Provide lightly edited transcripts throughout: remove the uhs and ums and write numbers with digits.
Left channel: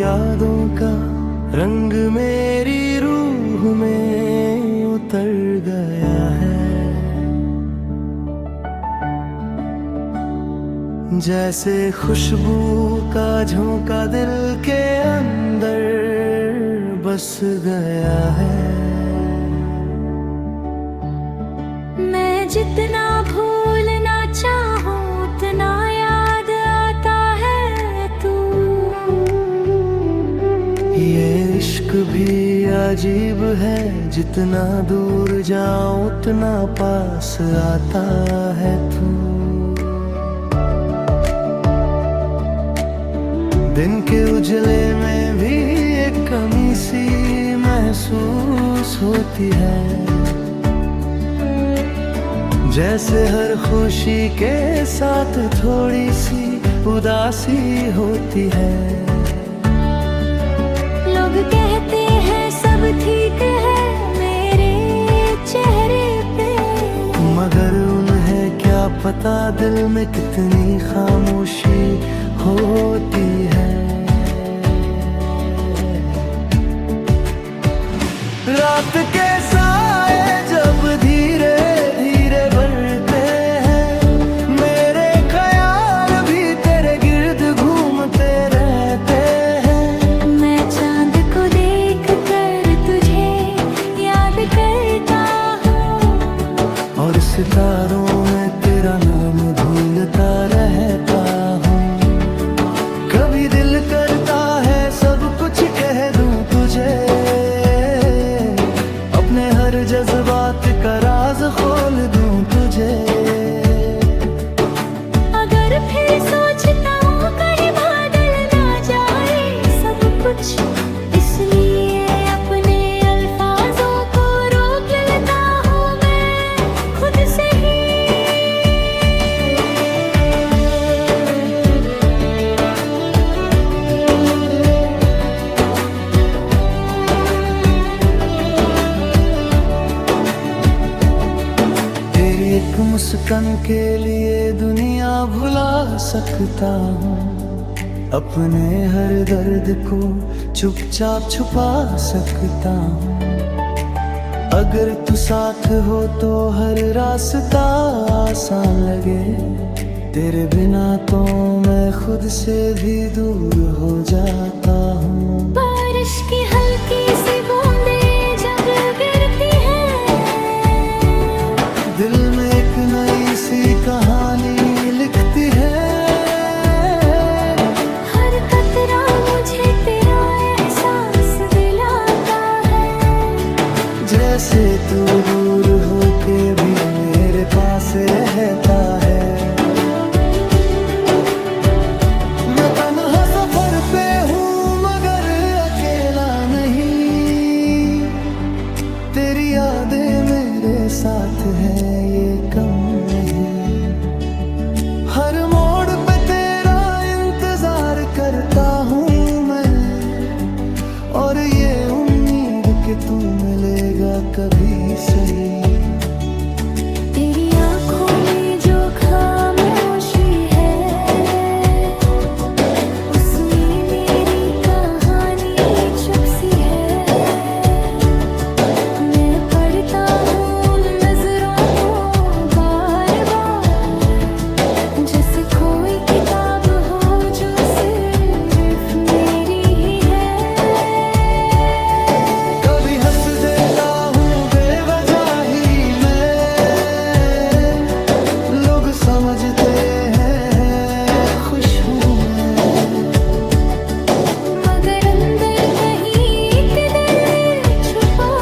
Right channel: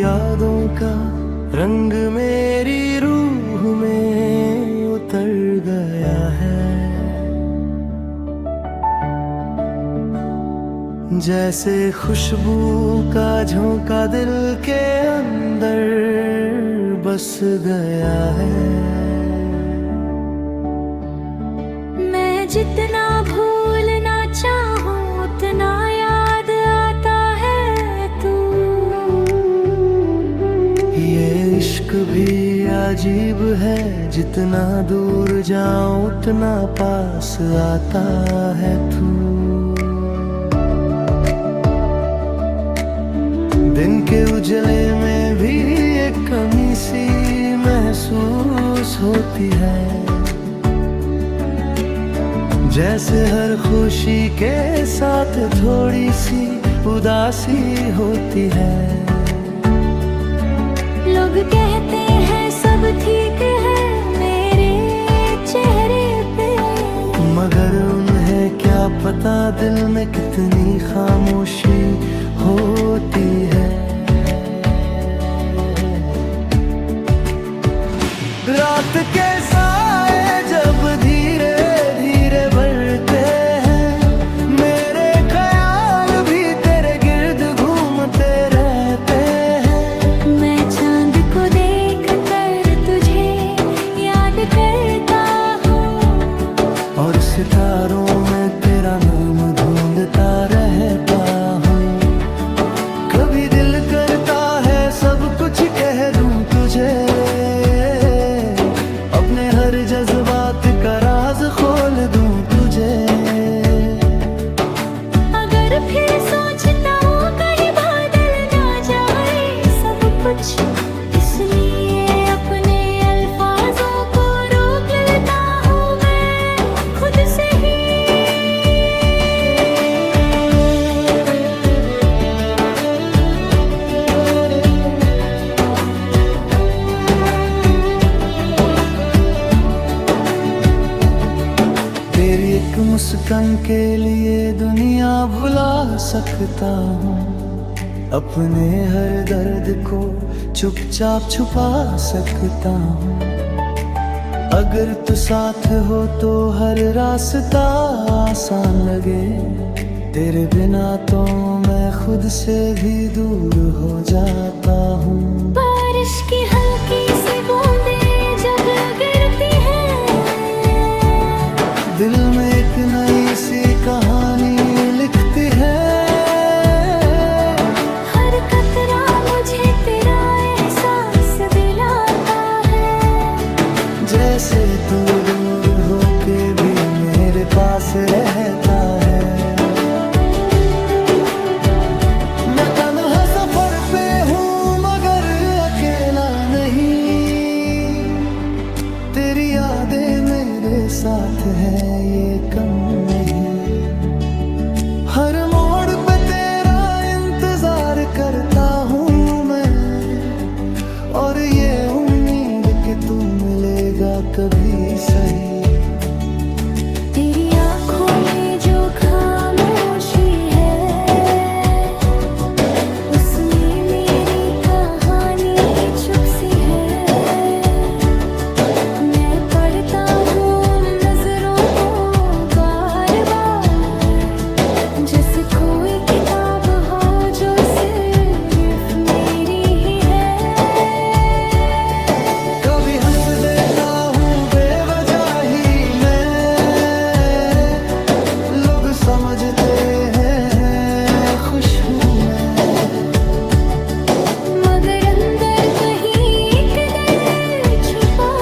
यादों का रंग मेरी रूह में उतर गया है। जैसे खुशबू का झोंका दिल के अंदर बस गया है। मैं जितना भूलना चाहूं उतना याद आता है तू। ये इश्क भी अजीब है, जितना दूर जाऊं उतना पास आता है तू। दिन के उजले में भी एक कमी सी महसूस होती है। जैसे हर खुशी के साथ थोड़ी सी उदासी होती है। लोग कहते हैं सब ठीक है मेरे चेहरे पे, मगर उन्हें क्या पता दिल में कितनी खामोशी होती है। रात के साए जब धीरे धीरे बढ़ते हैं, मेरे ख्याल भी तेरे गिर्द घूमते रहते हैं। मैं चांद को देख कर तुझे याद करता हूँ, और सितारों में तेरा नाम ढूंढता रहता हूँ। कभी दिल करता है सब कुछ कह दूं तुझे, अपने हर जज्बात का राज खोल दूं तुझे। अगर फिर सोचता हूँ कहीं बादल ना जाए सब कुछ, इसलिए अपने अल्फाजों को रोक लेता हूँ मैं खुद से ही। तेरी एक मुस्कान के लिए दुनिया भुला सकता हूँ, अपने हर दर्द को चुपचाप छुपा सकता हूँ। अगर तू साथ हो तो हर रास्ता आसान लगे, तेरे बिना तो मैं खुद से भी दूर हो जाता हूँ। बारिश की हल्की सी बूंदें जब गिरती है, दिल में एक नई सी कहानी लिखती है। हर कतरा मुझे तेरा एहसास दिलाता है। जैसे तू दूर होके भी मेरे पास रहता है। मैं तन्हा सफर पे हूँ मगर अकेला नहीं, तेरी यादें मेरे साथ हैं ये कम नहीं। हर मोड़ पे तेरा इंतजार करता हूँ मैं, और ये उम्मीद कि तू मिलेगा कभी सही। तेरी आंखों में जो खामोशी है, उसमें मेरी कहानी छुप सी है। मैं पढ़ता हूँ नजरों को बार बार, जैसे कोई किताब हो जो सिर्फ मेरी ही है। कभी हंस देता हूँ बेवजह ही मैं, लोग समझते हैं खुश हूँ मैं, मगर अंदर कहीं एक दर्द छुपा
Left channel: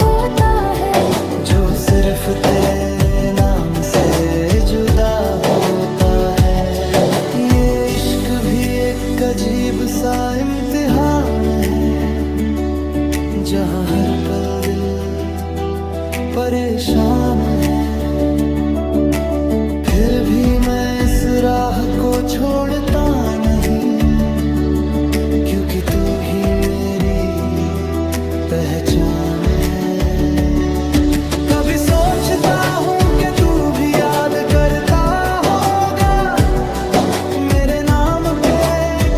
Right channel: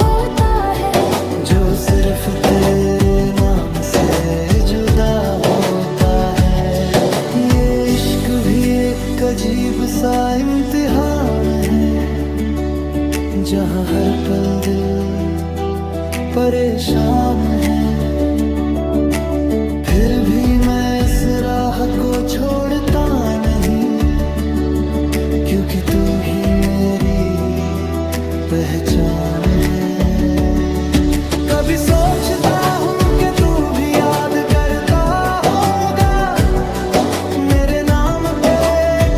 होता है, जो सिर्फ तेरे नाम से जुदा होता है। ये इश्क भी एक अजीब सा इम्तिहान है, जहाँ हर पल दिल परेशान है। फिर भी मैं इस राह को छोड़ता नहीं, क्योंकि तू ही मेरी पहचान है। कभी सोचता हूँ कि तू भी याद करता होगा मेरे नाम पे,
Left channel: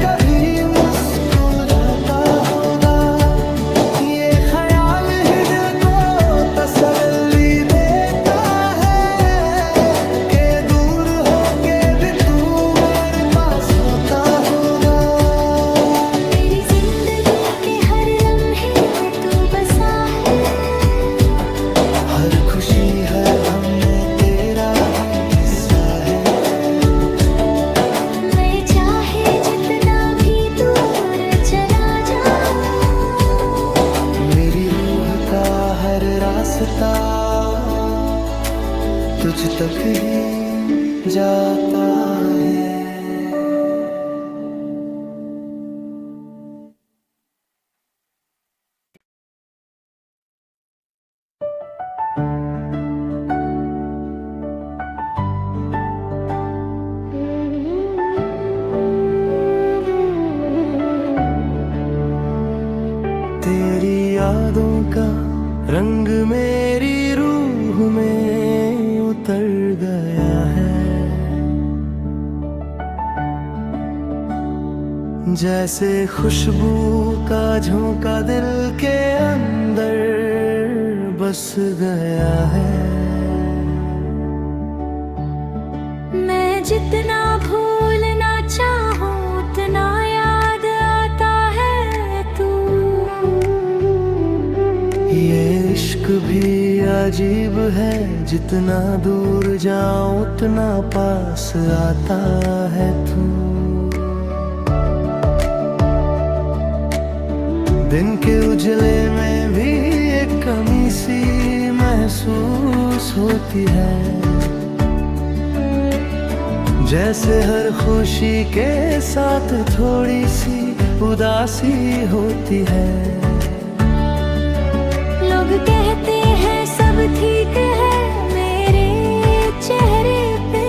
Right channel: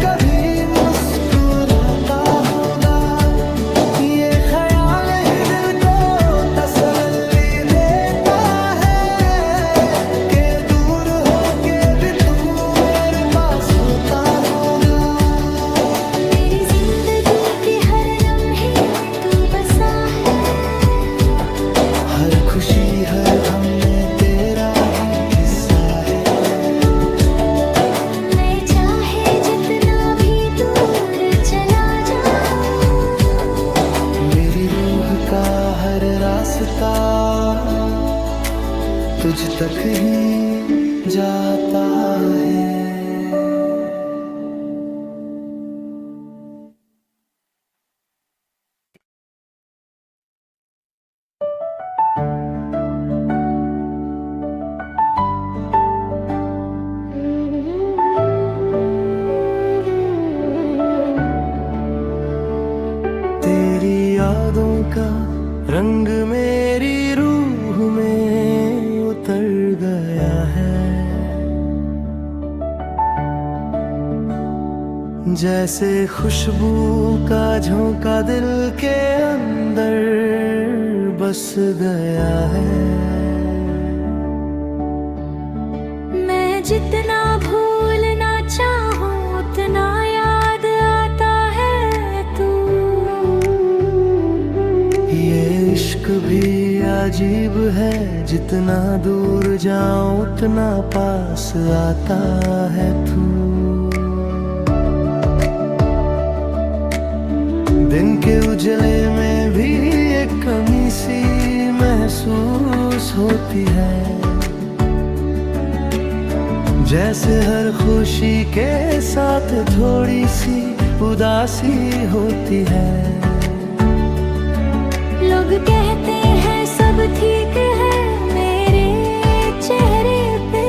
कभी मुस्कुरा खुशी हर गम में तेरा ही हिस्सा है। मैं चाहे जितना भी दूर चला जाऊं, मेरी रूह का हर रास्ता तुझ तक ही जाता है। तेरी यादों का रंग मेरी रूह में उतर गया है, जैसे खुशबू का झोंका दिल के अंदर बस गया है। मैं जितना भूलना चाहूं उतना याद आता है तू। ये इश्क भी अजीब है, जितना दूर जाऊं उतना पास आता है तू। दिन के उजले में भी एक कमी सी महसूस होती है, जैसे हर खुशी के साथ थोड़ी सी उदासी होती है। लोग कहते हैं सब ठीक है मेरे चेहरे पे,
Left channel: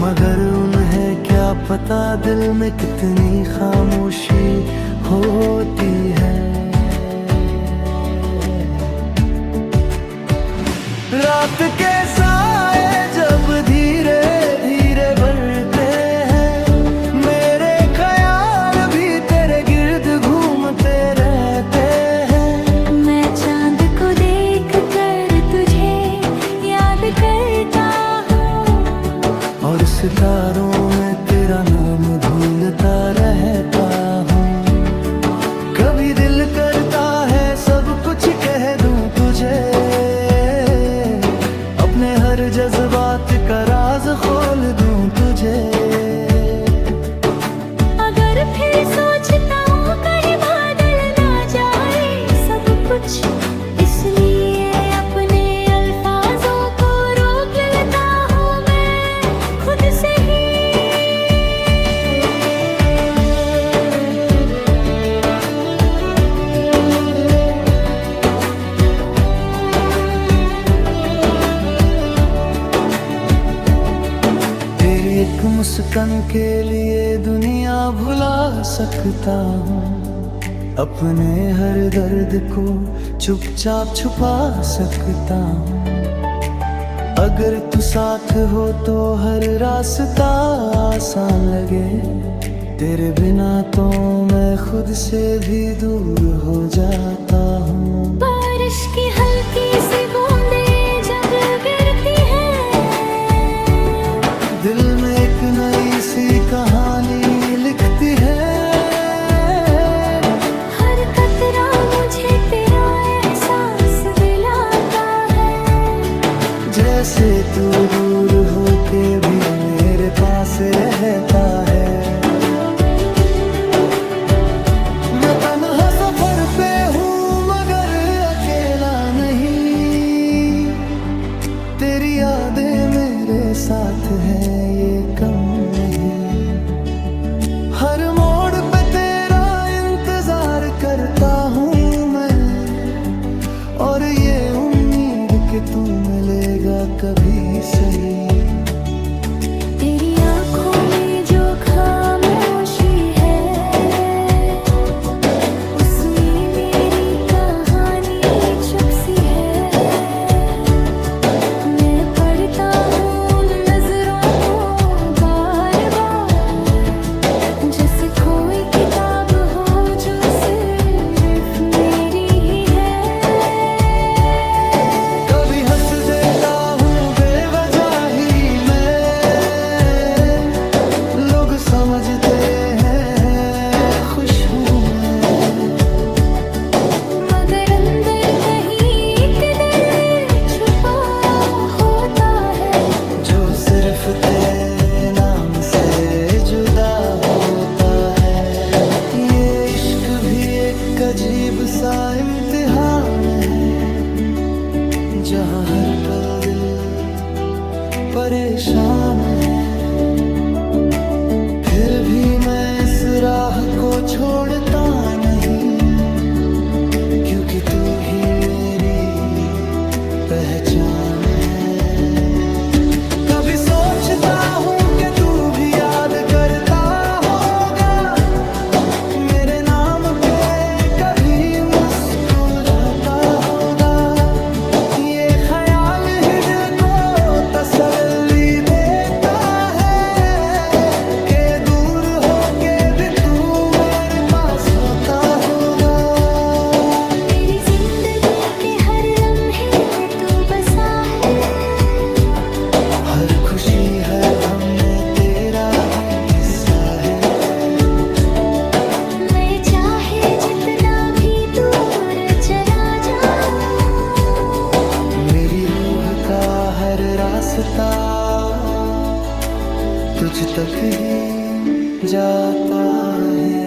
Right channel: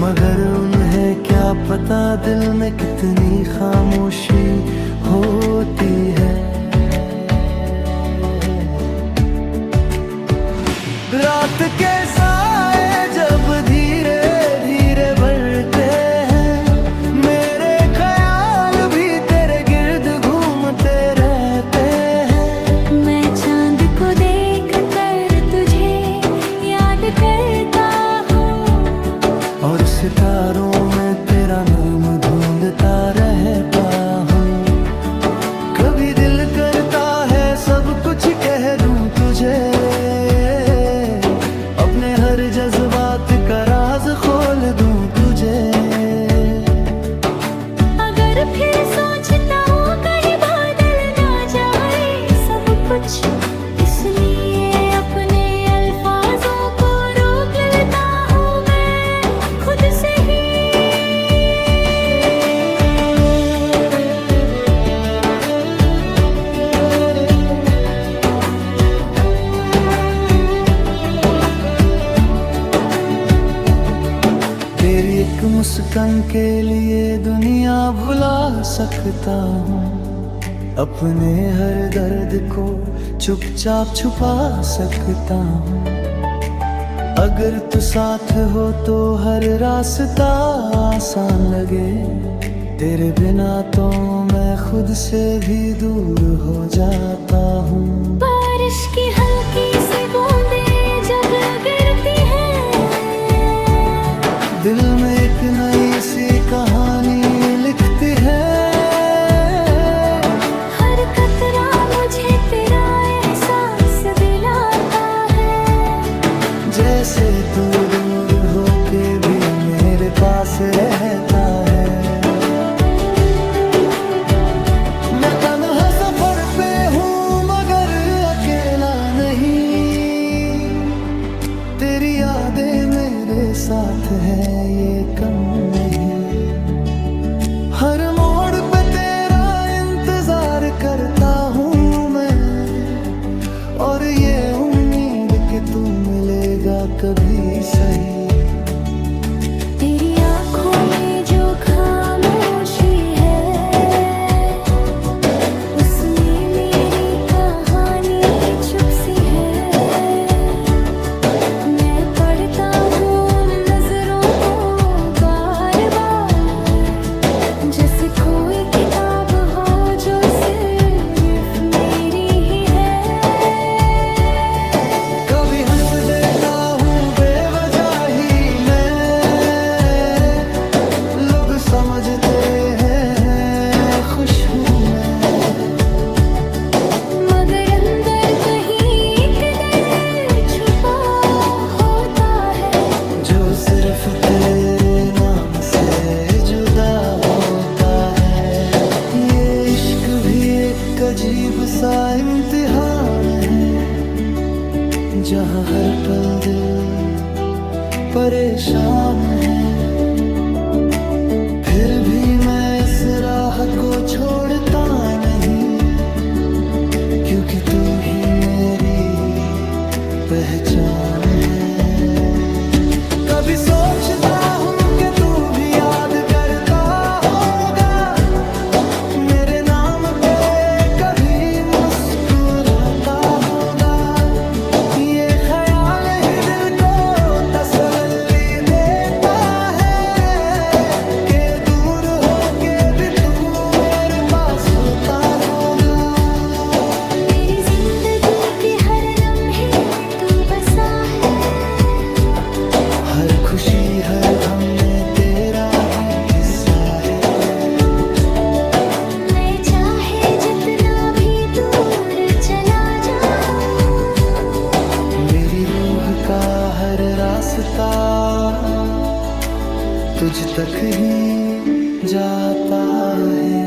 मगर उन्हें क्या पता दिल में कितनी खामोशी होती है। रात के साए जब धीरे धीरे बढ़ते हैं, मेरे ख्याल भी तेरे गिर्द घूमते रहते हैं। मैं चांद को देख कर तुझे याद करता हूँ, और सितारों में तेरा नाम ढूंढता रहता हूँ। कभी दिल करता है सब कुछ कह दूं तुझे, अपने हर जज्बात का राज खोल दूं तुझे। अगर फिर सोचता हूँ कहीं बादल ना जाए सब कुछ, इसलिए अपने अल्फाजों को रोक लेता हूँ मैं खुद से ही। तेरी एक मुस्कान के लिए दुनिया भुला सकता हूँ, अपने हर दर्द को चुपचाप छुपा सकता हूँ। अगर तू साथ हो तो हर रास्ता आसान लगे, तेरे बिना तो मैं खुद से भी दूर हो जाता हूँ। बारिश की हल्की सी बूंदें जब गिरती है, दिल में एक नई सी कहानी लिखती है। हर कतरा मुझे तेरा एहसास दिलाता है, जैसे तू दूर होके भी मेरे पास रहता है। मैं तन्हा सफर पे हूँ मगर अकेला नहीं, तेरी यादें मेरे साथ हैं ये कम नहीं। हर मोड़ पे तेरा इंतजार करता हूँ मैं, और ये उम्मीद कि तू मिलेगा कभी सही। तेरी आंखों में जो खामोशी है, उसमें मेरी कहानी छुप सी है। मैं पढ़ता हूँ नजरों को बार बार, जैसे कोई किताब हो जो सिर्फ मेरी ही है। कभी हंस देता हूँ बेवजह ही मैं, लोग समझते हैं खुश हूँ मैं, मगर अंदर कहीं एक दर्द छुपा सिर्फ तेरे नाम से जुदा होता है। ये इश्क भी एक अजीब सा इम्तिहान है, जहाँ हर पल दिल परेशान है। फिर भी मैं इस राह को छोड़ता नहीं, क्योंकि तू ही मेरी पहचान है। कभी सोचता हूँ कि तू भी याद करता होगा मेरे नाम पे, कभी मुस्कुराता होगा। ये ख्याल ही दिल को तसल्ली देता है कि दूर हो के भी तू मेरे पास होता होगा। मेरी जिंदगी के हर लम्हे में तू बसा है, हर खुशी हर गम में तेरा ही हिस्सा है। मैं चाहे जितना भी दूर चला जाऊं, मेरी रूह का हर रास्ता तुझ तक ही जाता है।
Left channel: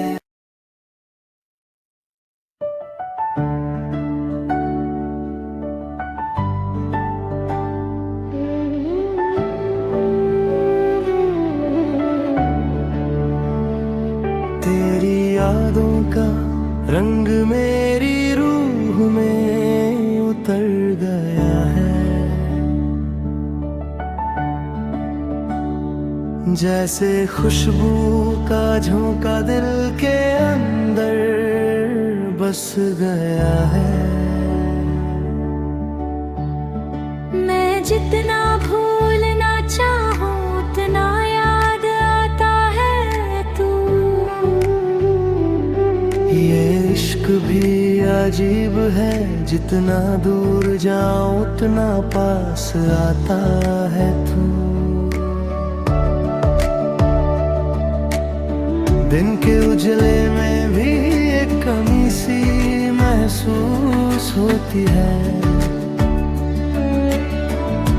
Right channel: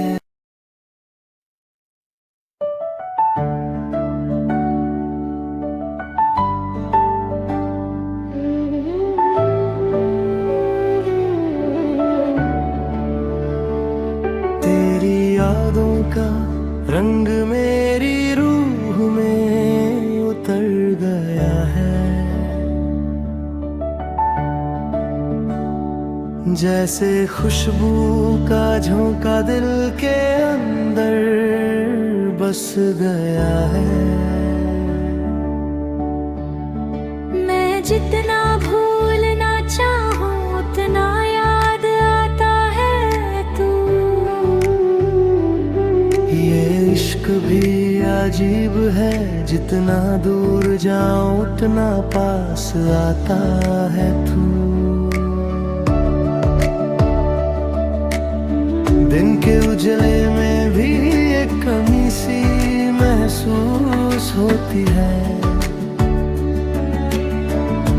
तेरी यादों का रंग मेरी रूह में उतर गया है, जैसे खुशबू का झोंका दिल के अंदर बस गया है। मैं जितना भूलना चाहूं उतना याद आता है तू। ये इश्क भी अजीब है, जितना दूर जाऊं उतना पास आता है तू। दिन के उजले में भी एक कमी सी महसूस होती है,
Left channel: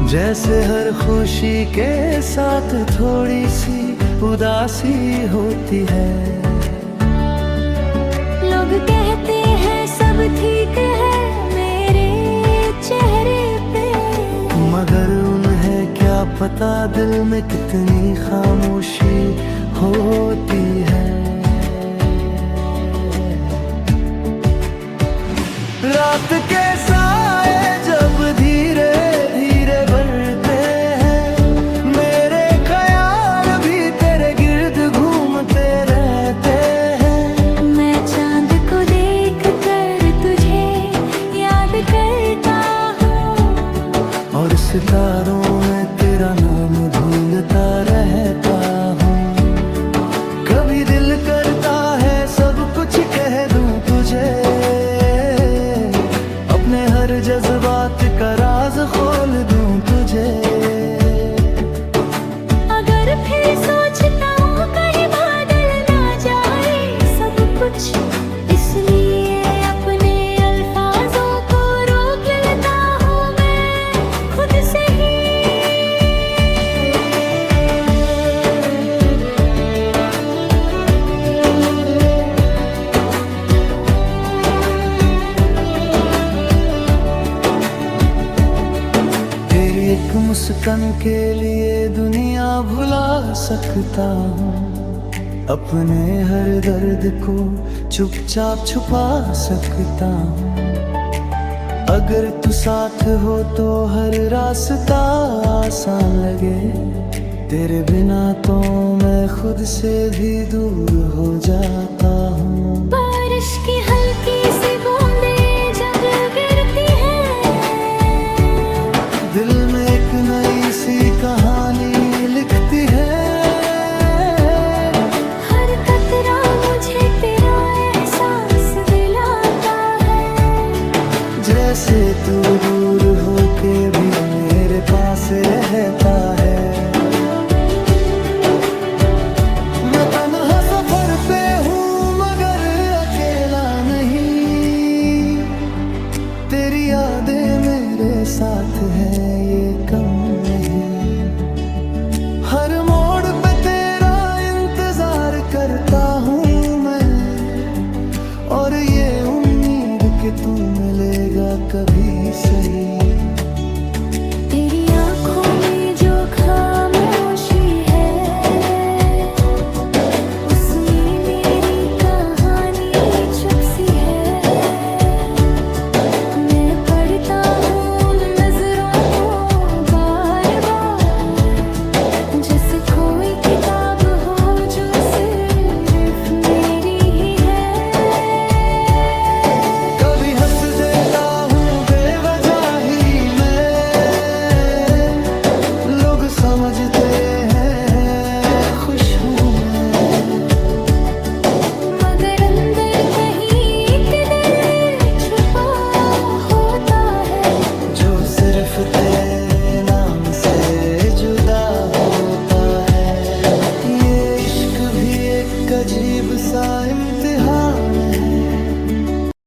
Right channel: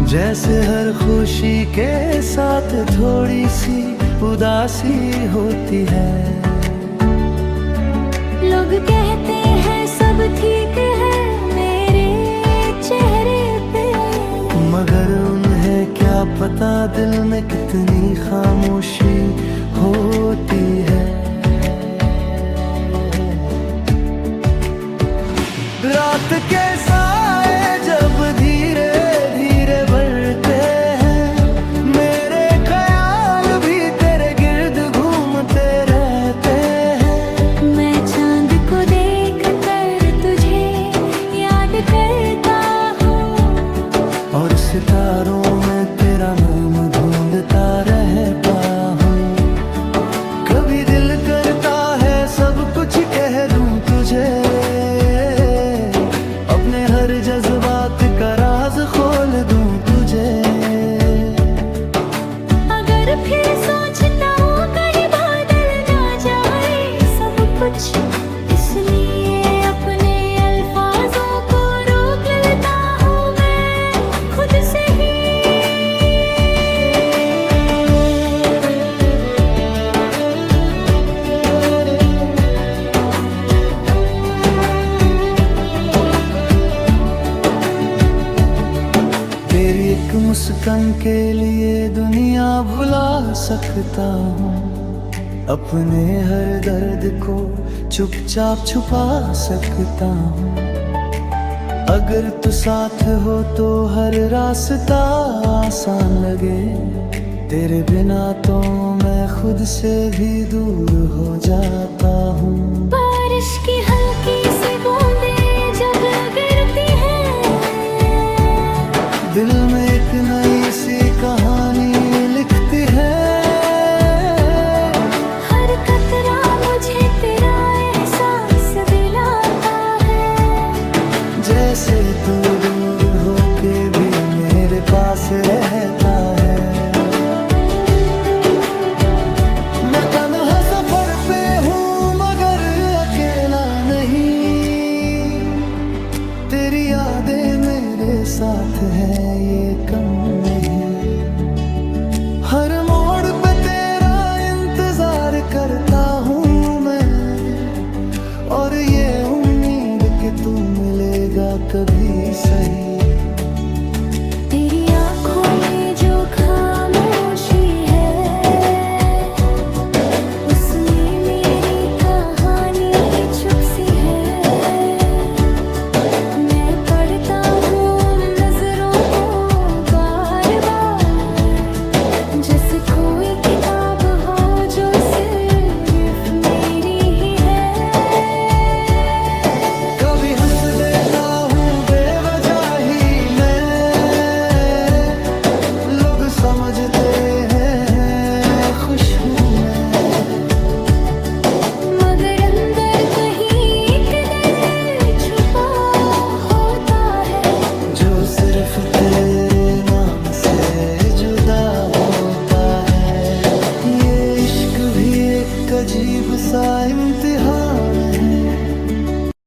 जैसे हर खुशी के साथ थोड़ी सी उदासी होती है। लोग कहते हैं सब ठीक है मेरे चेहरे पे, मगर उन्हें क्या पता दिल में कितनी खामोशी होती है। रात के साए जब धीरे धीरे बढ़ते हैं, मेरे ख्याल भी तेरे गिर्द घूमते रहते हैं। मैं चांद को देख कर तुझे याद करता हूँ, और सितारों में तेरा नाम ढूंढता रहता हूँ। कभी दिल करता है सब कुछ कह दूं तुझे, अपने हर जज्बात का राज खोल दूं तुझे। अगर फिर सोचता हूँ कहीं बादल ना जाए सब कुछ, इसलिए अपने अल्फाजों को रोक लेता हूँ मैं खुद से ही। तेरी एक मुस्कान के लिए दुनिया भुला सकता हूँ, अपने हर दर्द को चुपचाप छुपा सकता हूँ। अगर तू साथ हो तो हर रास्ता आसान लगे, तेरे बिना तो मैं खुद से भी दूर हो जाता हूँ। बारिश की हल्की सी बूंदें जब गिरती हैं, दिल में एक नई सी कहानी लिखती है। हर कतरा मुझे तेरा एहसास दिलाता है, जैसे तू दूर होके भी मेरे पास रहता है। मैं तन्हा सफर पे हूँ मगर अकेला नहीं, तेरी यादें मेरे साथ हैं ये कम नहीं। हर मोड़ पे तेरा इंतजार करता हूँ मैं, और ये उम्मीद कि तू मिलेगा कभी सही। तेरी आंखों में जो खामोशी है, उसमें मेरी कहानी छुप सी है। मैं पढ़ता हूँ नजरों को बार बार, जैसे कोई किताब हो जो सिर्फ मेरी ही है। कभी हंस देता हूँ बेवजह ही मैं, लोग समझते हैं खुश हूँ मैं, मगर अंदर कहीं एक दर्द छुपा होता है, जो सिर्फ तेरे नाम से जुदा होता है। ये इश्क भी एक अजीब सा इम्तिहान है,